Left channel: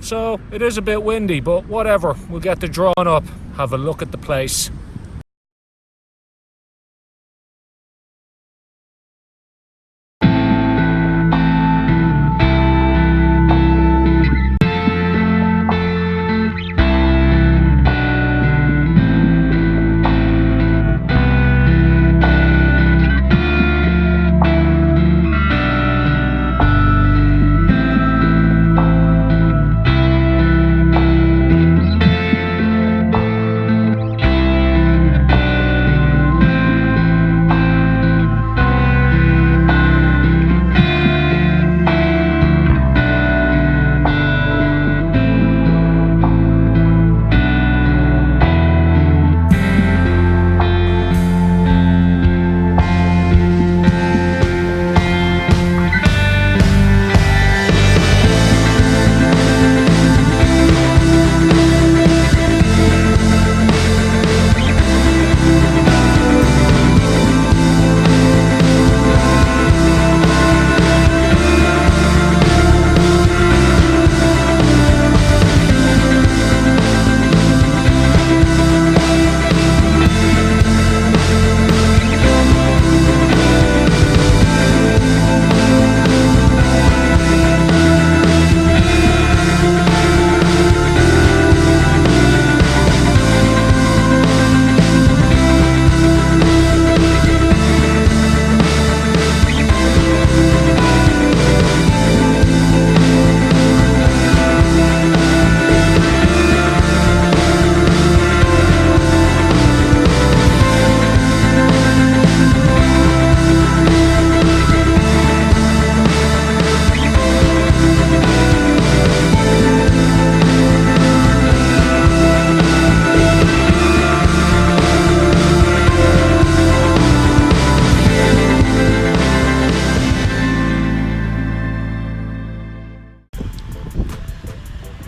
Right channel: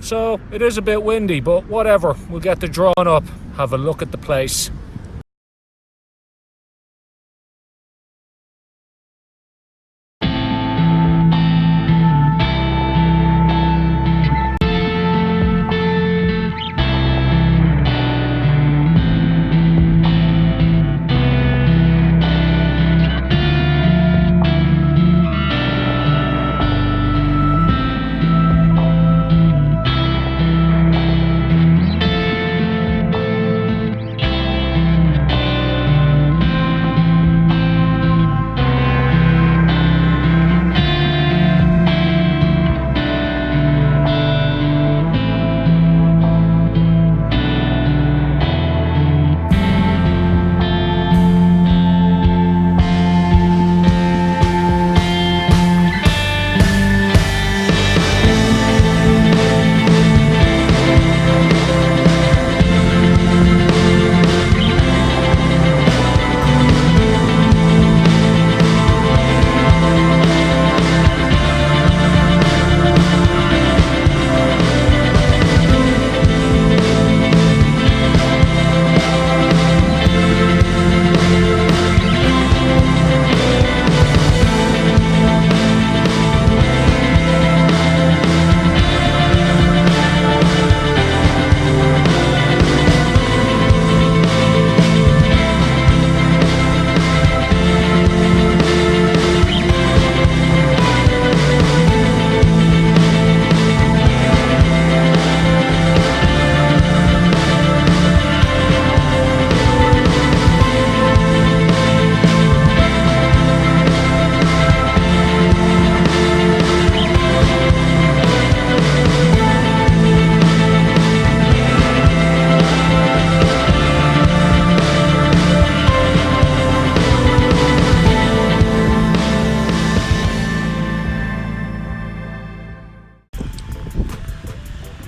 So it is a bit windy, but whatever. We'll get the drone up, have a look at the place.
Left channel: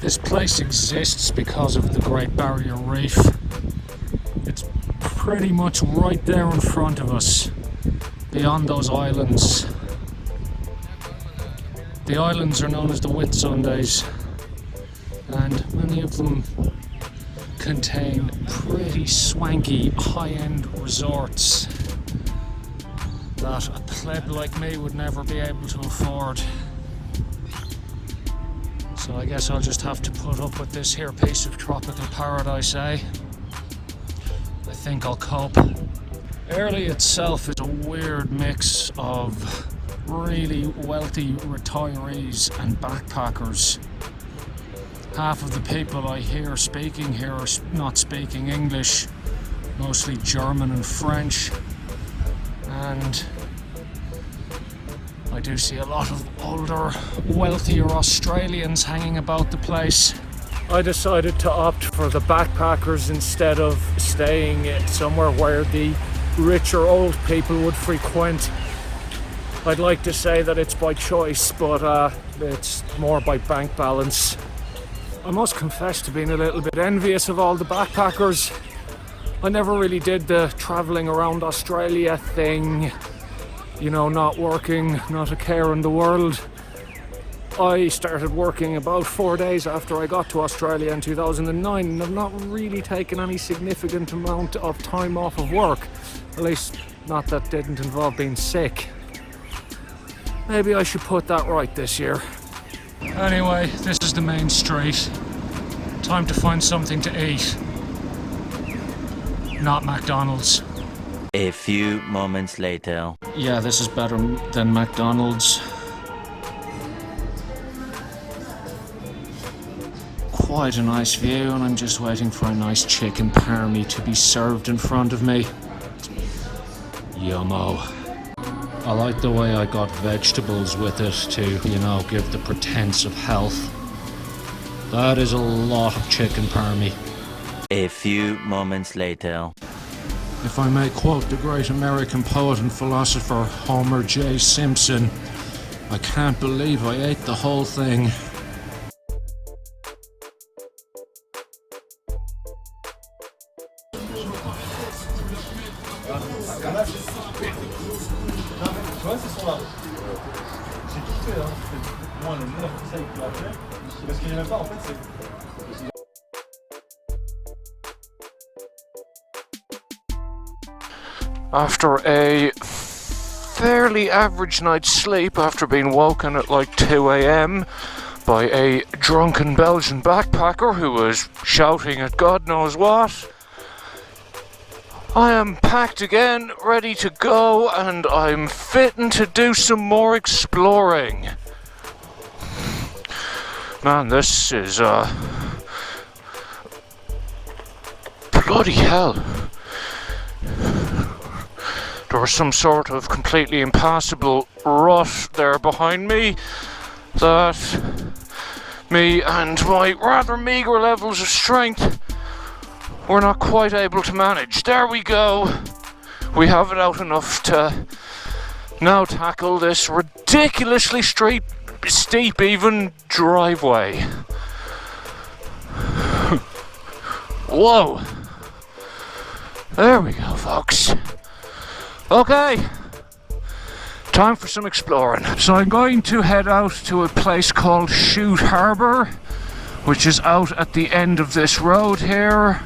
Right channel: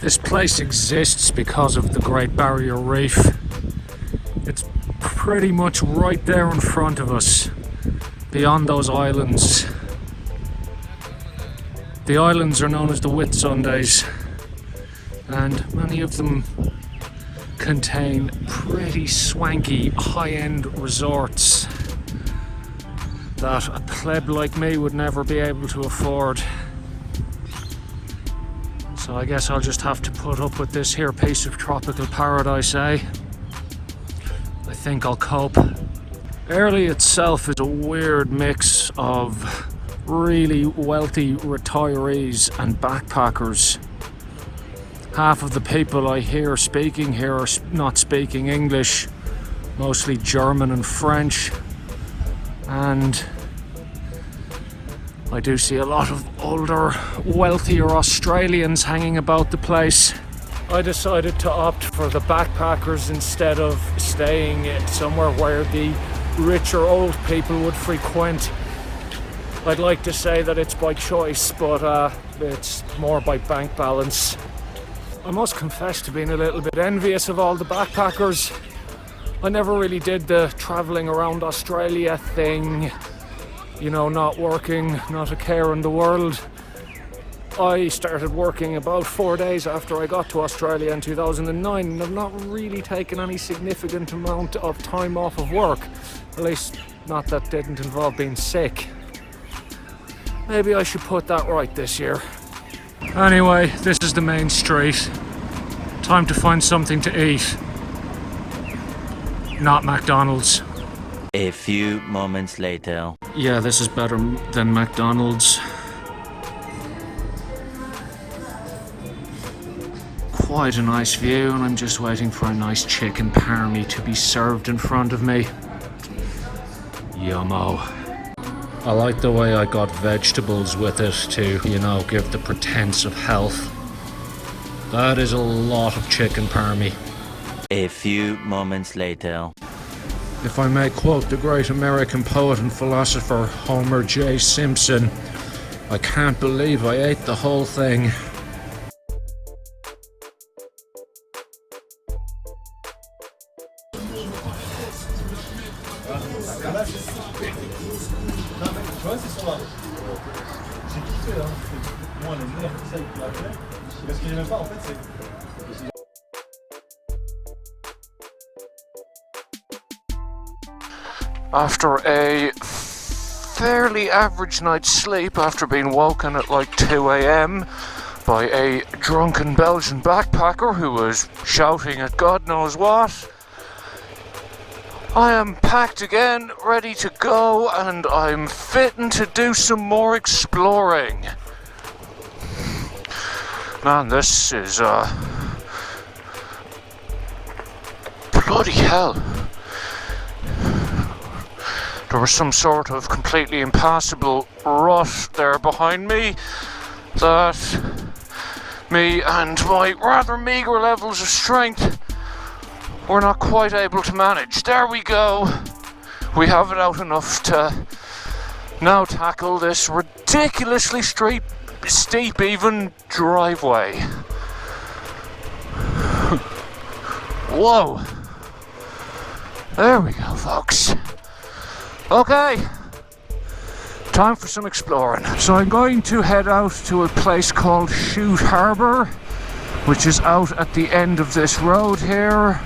This place exists because of the Great Barrier Reef. It's pretty much right there in front of us, beyond those islands. The islands are known as the Whitsundays, and many of them contain pretty swanky high-end resorts that a pleb like me would never be able to afford. So I guess I'll just have to put up with this here piece of tropical paradise, eh? I think I'll cope. Airlie itself is a weird mix of really wealthy retirees and backpackers. Half of the people I hear speaking here are not speaking English, mostly German and French, and I do see a lot of older, wealthier Australians hanging about the place. I decided to opt for the backpackers instead of staying somewhere where the richer old people would frequent. I'd like to say that it's by choice, but it's more by bank balance. I must confess to being a little bit envious of all the backpackers. I never really did the travelling around Australia thing. You know, not working, not a care in the world. I started working about 4 days after I got to Australia in 2009, and I've not really taken any significant amount of time off of work. At least, not that didn't involve being sick. Maybe I should put that right this year. Anyway, this is the main street. Time to find something to eat. Not McDonald's. A few moments later. Yeah, this is better than McDonald's. Quite a nice view, and I'm just waiting for a nice chicken parmy to be served in front of me. Yummo. I like the way I got vegetables with it to, you know, give the pretense of health. That is a lot of chicken parmy. A few moments later. If I may quote the great American poet and philosopher Homer J. Simpson, I can't believe I ate the whole thing. After a fairly average night's sleep, after being woken at like 2 a.m. by a drunken Belgian backpacker who was shouting at God knows what, I am packed again, ready to go, and I'm fitting to do some more exploring. Man, this is bloody hell. There was some sort of completely impassable rut there behind me that me and my rather meagre levels of strength were not quite able to manage. There we go. We have it out enough to now tackle this ridiculously steep even driveway. Whoa. There we go, folks. Okay, time for some exploring. So I'm going to head out to a place called Chute Harbour, which is out at the end of this road here.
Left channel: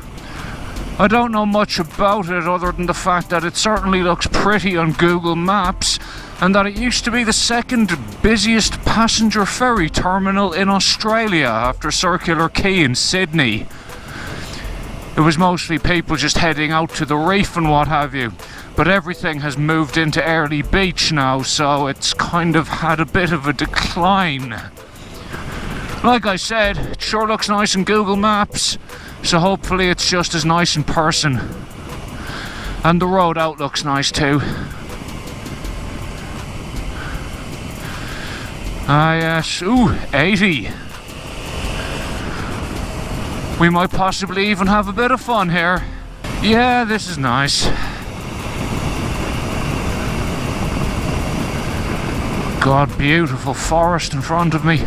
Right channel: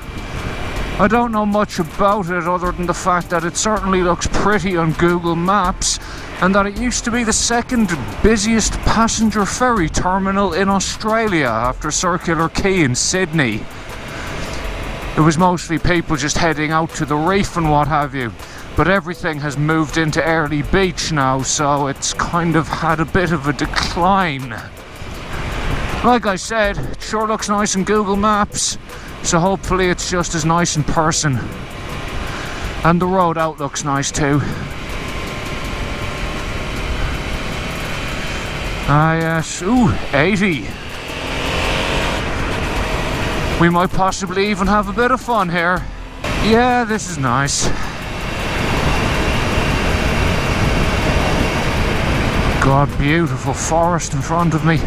I don't know much about it other than the fact that it certainly looks pretty on Google Maps, and that it used to be the second busiest passenger ferry terminal in Australia after Circular Quay in Sydney. It was mostly people just heading out to the reef and what have you. But everything has moved into Early Beach now, so it's kind of had a bit of a decline. Like I said, it sure looks nice in Google Maps, so hopefully it's just as nice in person. And the road out looks nice too. Ah yes, ooh, 80. We might possibly even have a bit of fun here. Yeah, this is nice. God, beautiful forest in front of me.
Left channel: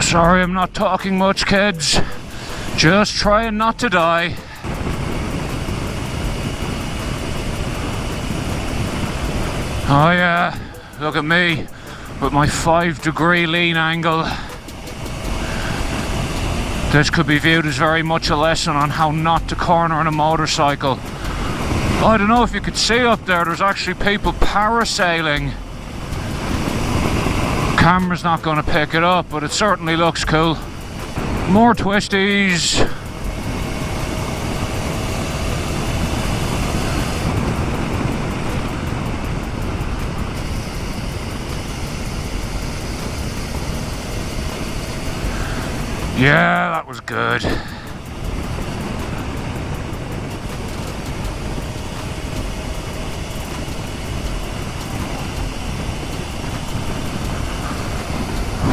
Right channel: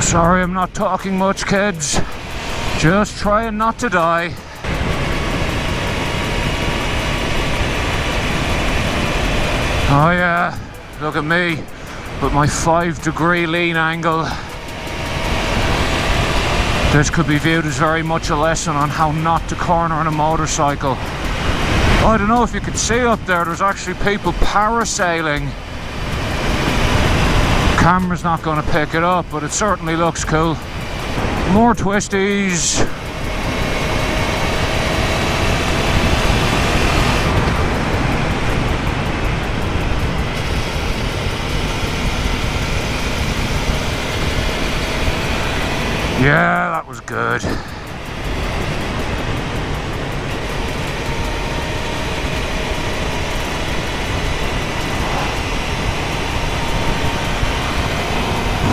Sorry I'm not talking much, kids. Just trying not to die. Oh yeah, look at me with my 5-degree lean angle. This could be viewed as very much a lesson on how not to corner on a motorcycle. I don't know if you could see up there, there's actually people parasailing. Camera's not going to pick it up, but it certainly looks cool. More twisties. Yeah, that was good.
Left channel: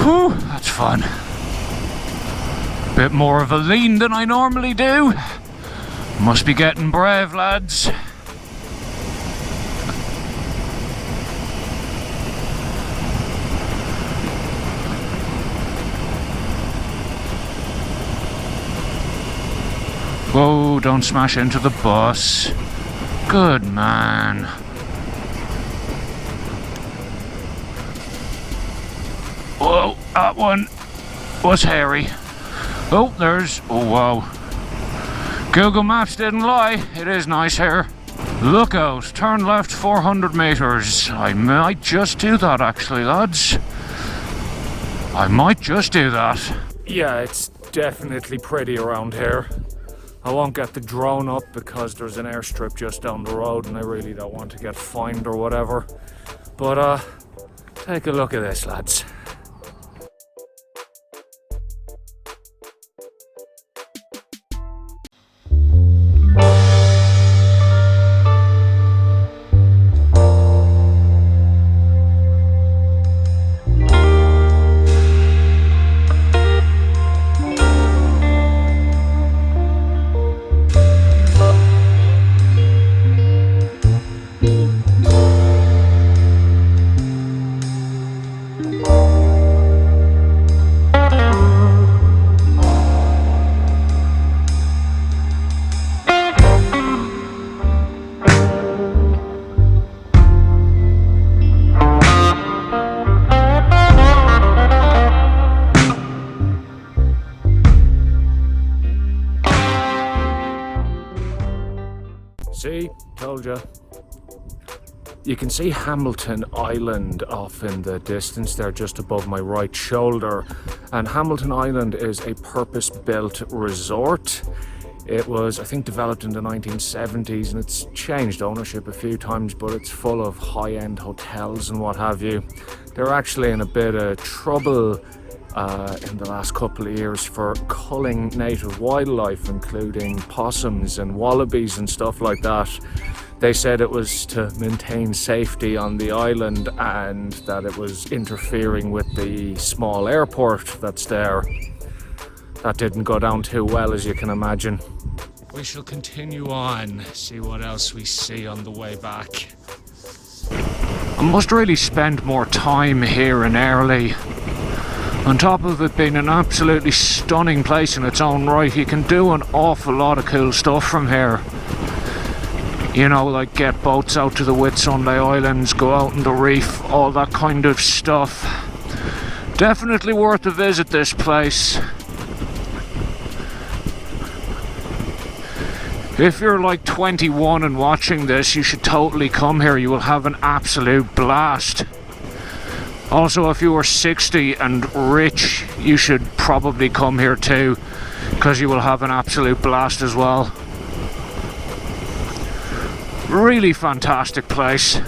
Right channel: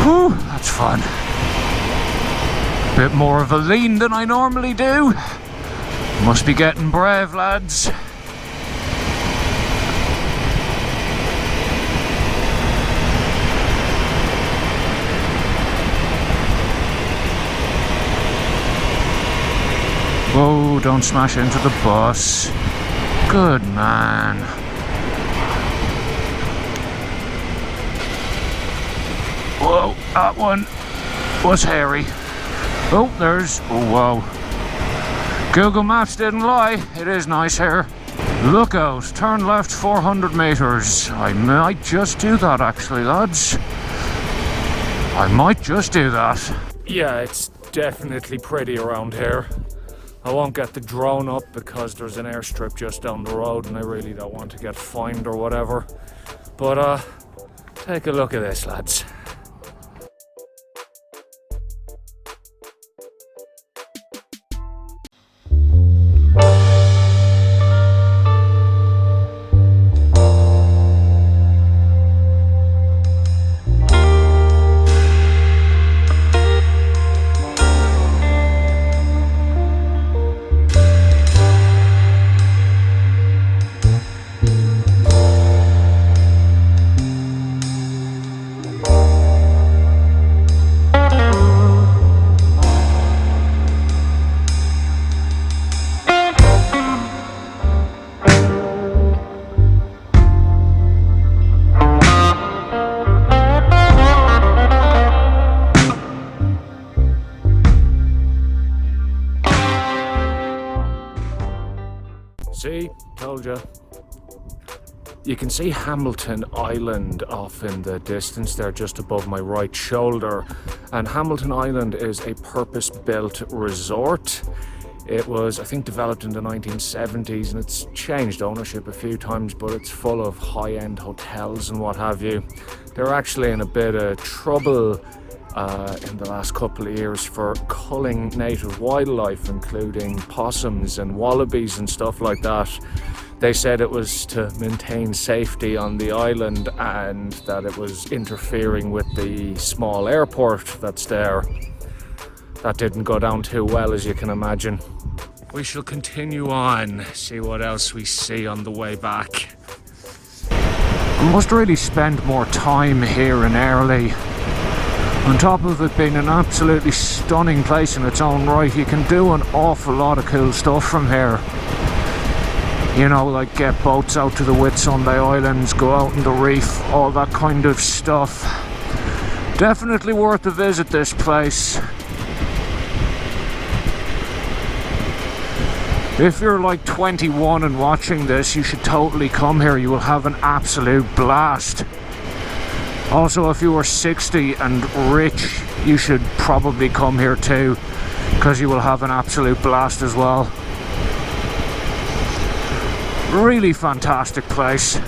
Whew, that's fun. Bit more of a lean than I normally do. Must be getting brave, lads. Whoa, don't smash into the bus. Good man. Whoa, that one was hairy. Oh, there's... oh, wow. Google Maps didn't lie. It is nice here. Look out. Turn left 400 meters. I might just do that, actually, lads. I might just do that. Yeah, it's definitely pretty around here. I won't get the drone up because there's an airstrip just down the road and I really don't want to get fined or whatever. But take a look at this, lads. See, told you. You can see Hamilton Island off in the distance there, just above my right shoulder. And Hamilton Island is a purpose-built resort. It was, I think, developed in the 1970s, and it's changed ownership a few times, but it's full of high-end hotels and what have you. They're actually in a bit of trouble in the last couple of years for culling native wildlife, including possums and wallabies and stuff like that. They said it was to maintain safety on the island and that it was interfering with the small airport that's there. That didn't go down too well, as you can imagine. We shall continue on, see what else we see on the way back. I must really spend more time here in Airlie. On top of it being an absolutely stunning place in its own right, you can do an awful lot of cool stuff from here. You know, like get boats out to the Whitsunday Islands, go out in the reef, all that kind of stuff. Definitely worth a visit, this place. If you're like 21 and watching this, you should totally come here. You will have an absolute blast. Also, if you are 60 and rich, you should probably come here too, because you will have an absolute blast as well. Really fantastic place.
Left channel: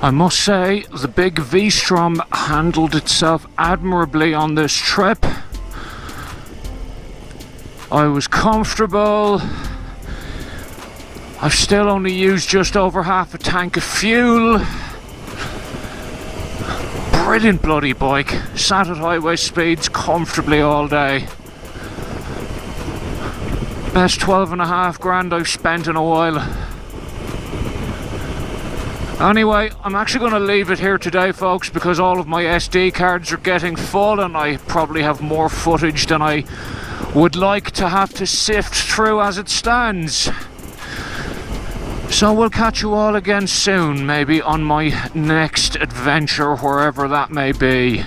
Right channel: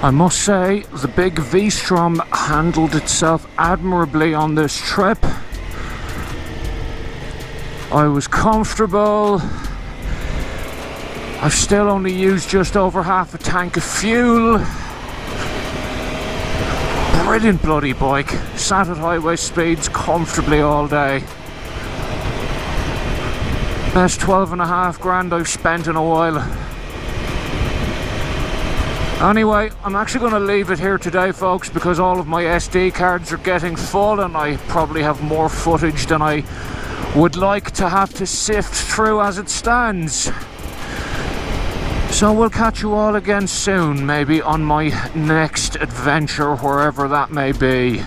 I must say, the big V-Strom handled itself admirably on this trip. I was comfortable. I've still only used just over half a tank of fuel. Brilliant bloody bike. Sat at highway speeds comfortably all day. Best 12.5 grand I've spent in a while. Anyway, I'm actually going to leave it here today, folks, because all of my SD cards are getting full and I probably have more footage than I would like to have to sift through as it stands. So we'll catch you all again soon, maybe on my next adventure, wherever that may be.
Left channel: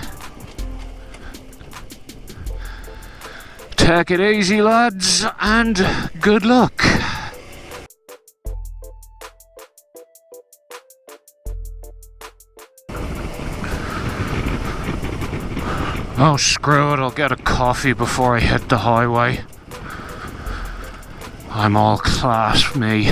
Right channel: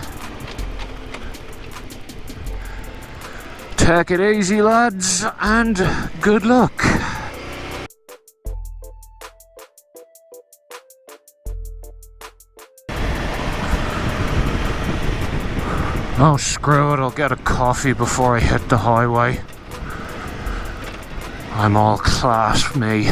Take it easy, lads, and good luck. Oh, screw it, I'll get a coffee before I hit the highway. I'm all class, me.